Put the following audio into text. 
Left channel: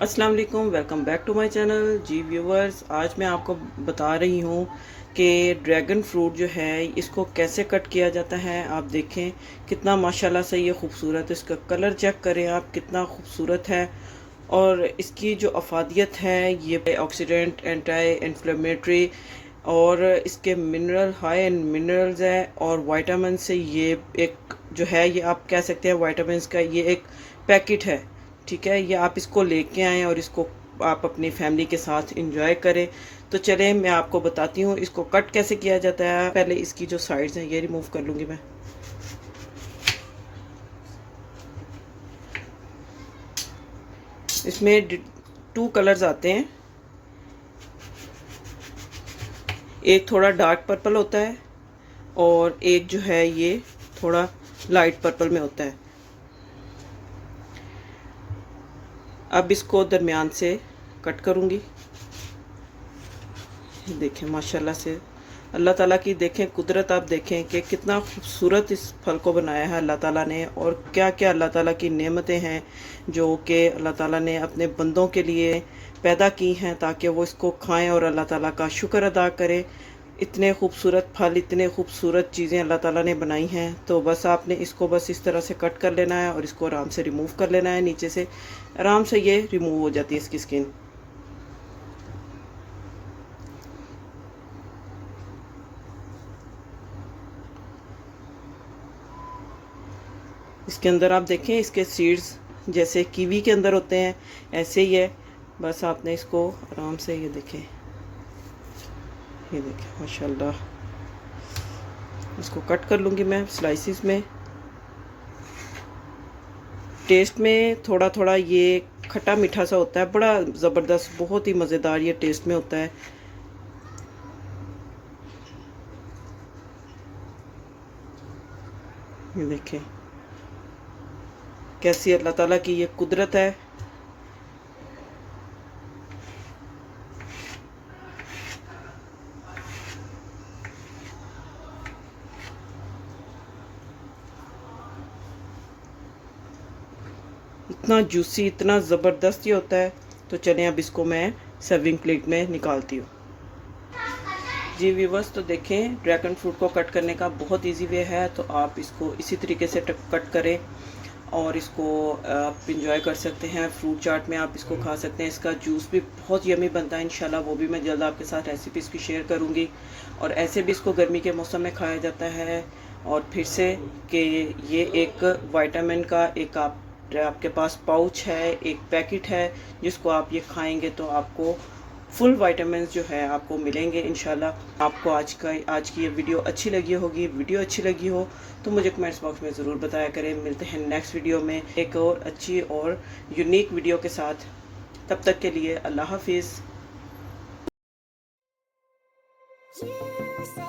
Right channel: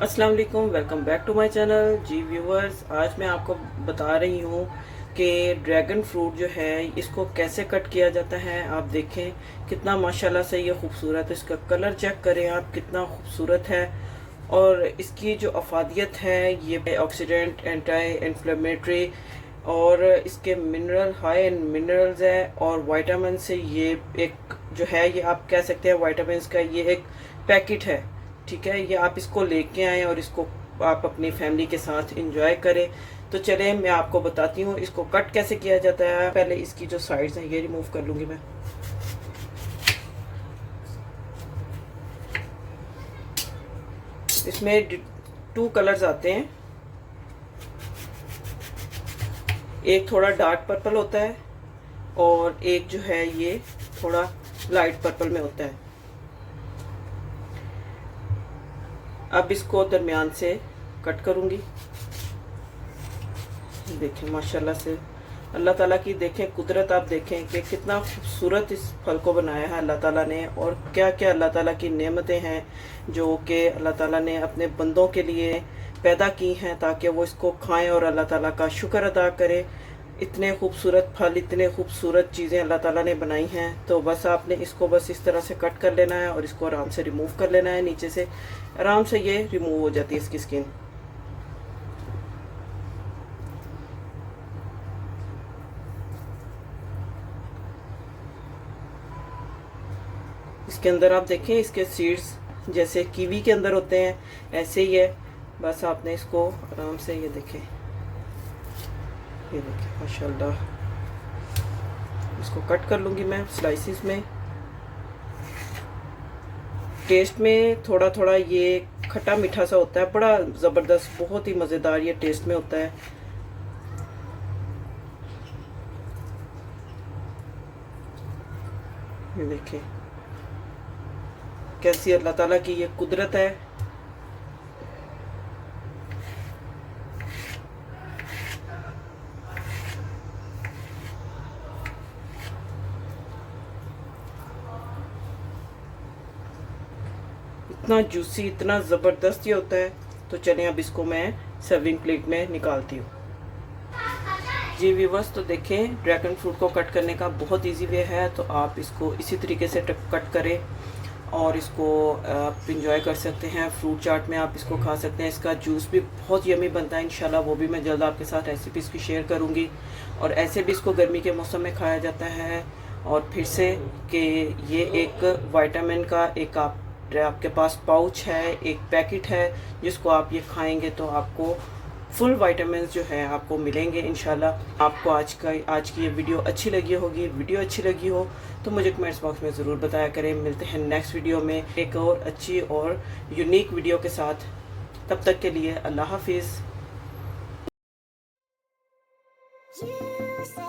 अस्सलाम वालेकुम, welcome back to my channel. जी व्यूवर्स, आज मैं आपको बता रही हूँ कि ड्रैगन फ्रूट जो है इसको कैसे कट किया जाता है। आप देखें कितना माशाल्लाह से ये खूबसूरत है। इसका कलर चेक करें आप, कितना खूबसूरत है। और इसकी जो अफादियत है, ये ऑक्सीडेंट, एंटी इन्फ्लेमेटरी और इसके मिनरल, हाई एंड मिनरल्स है और विटामिन से ये एक जो है, ये आप कह सकते हैं विटामिन का ये एक पैकेट है। ठीक है, ये आप इसको लेके आएँ और इसको आप अपनी फैमिली के साथ इंजॉय करें। तो चलें मैं आपको बताती हूँ इसको कट कैसे किया जाता है। पहले इसकी जो साइड्स हैं ये रिमूव कर लूँगी मैं। इसमें 2 कलर्स आते हैं, एक थोड़ा डार्क पर्पल होता है और एक जो है ये थोड़ा लाइट पर्पल में होता है। अब इसको दरमियान से कट करूँगी। देखें माशाल्लाह से अल्लाह ताला की देखें कुदरत, आप देखें कि कितना खूबसूरत इस फल को बनाया है अल्लाह ताला ने। और क्या क्या अल्लाह ताला की नेमतें हैं जो कि अल्लाह ताला ने अपने बंदों के लिए पैदा की हैं ताकि वो इसको खाएं और अल्लाह ताला का शुक्र अदा करें। इतने खूबसूरत फल, इतने खूबसूरत चीज़ें अल्लाह ताला ने बनाई हैं। तो बस आपने इसको बस इस तरह से कट कर लेना है और इसको आराम से रिमूव कर लेना है। नीचे से आराम से ये रिमूव हो जाती है इसकी स्किन। इसके अंदर आप देखें इसके सीड्स जैसे कीवी के अंदर होते हैं, ऐसे ही है। बस आपने इसको आराम से ये देखें माशाल्लाह। इसको कट कर लूँगी मैं स्लाइसिस में। टेस्ट में थोड़ा थोड़ा ये खट्टा मीठा सा होता है, बड़ा ज़बरदस्त, बहुत ही मज़ेदार ये टेस्ट में होता है। ये देखें कैसी अल्लाह ताला की ये कुदरत है। इतना जूसी, इतना ज़बरदस्त ये होता है। तो चलें अब इसको मैं सर्विंग प्लेट में निकालती हूँ। जी व्यूवर्स, तो देखें ड्रैगन फ्रूट को कट करने का बहुत इजी वे है। तो आप इसको इसी तरीके से कट करें और इसको आप इंजॉय कर सकते हैं। फ्रूट चाट में आप इसको खा सकते हैं। इसका जूस भी बहुत यमी बनता है इंशाल्लाह, वो भी मैं जल्द आपके साथ रेसिपीज़ भी शेयर करूँगी। और ऐसे भी इसको गर्मी के मौसम में खाया जाता है। और फिर से कि ये एक विटामिन का एक आपके पास पाउच है, एक पैकेट है, जिसको आप ये खाएंगे तो आपको फुल विटामिन जो है आपको मिलेंगे इंशाल्लाह। आपको आज की ये वीडियो अच्छी लगी होगी। वीडियो अच्छी लगी हो तो मुझे कमेंट्स बॉक्स में ज़रूर बताया करें। मिलते हैं नेक्स्ट वीडियो में एक और अच्छी और यूनिक वीडियो के साथ। तब तक के लिए अल्लाह हाफिज़।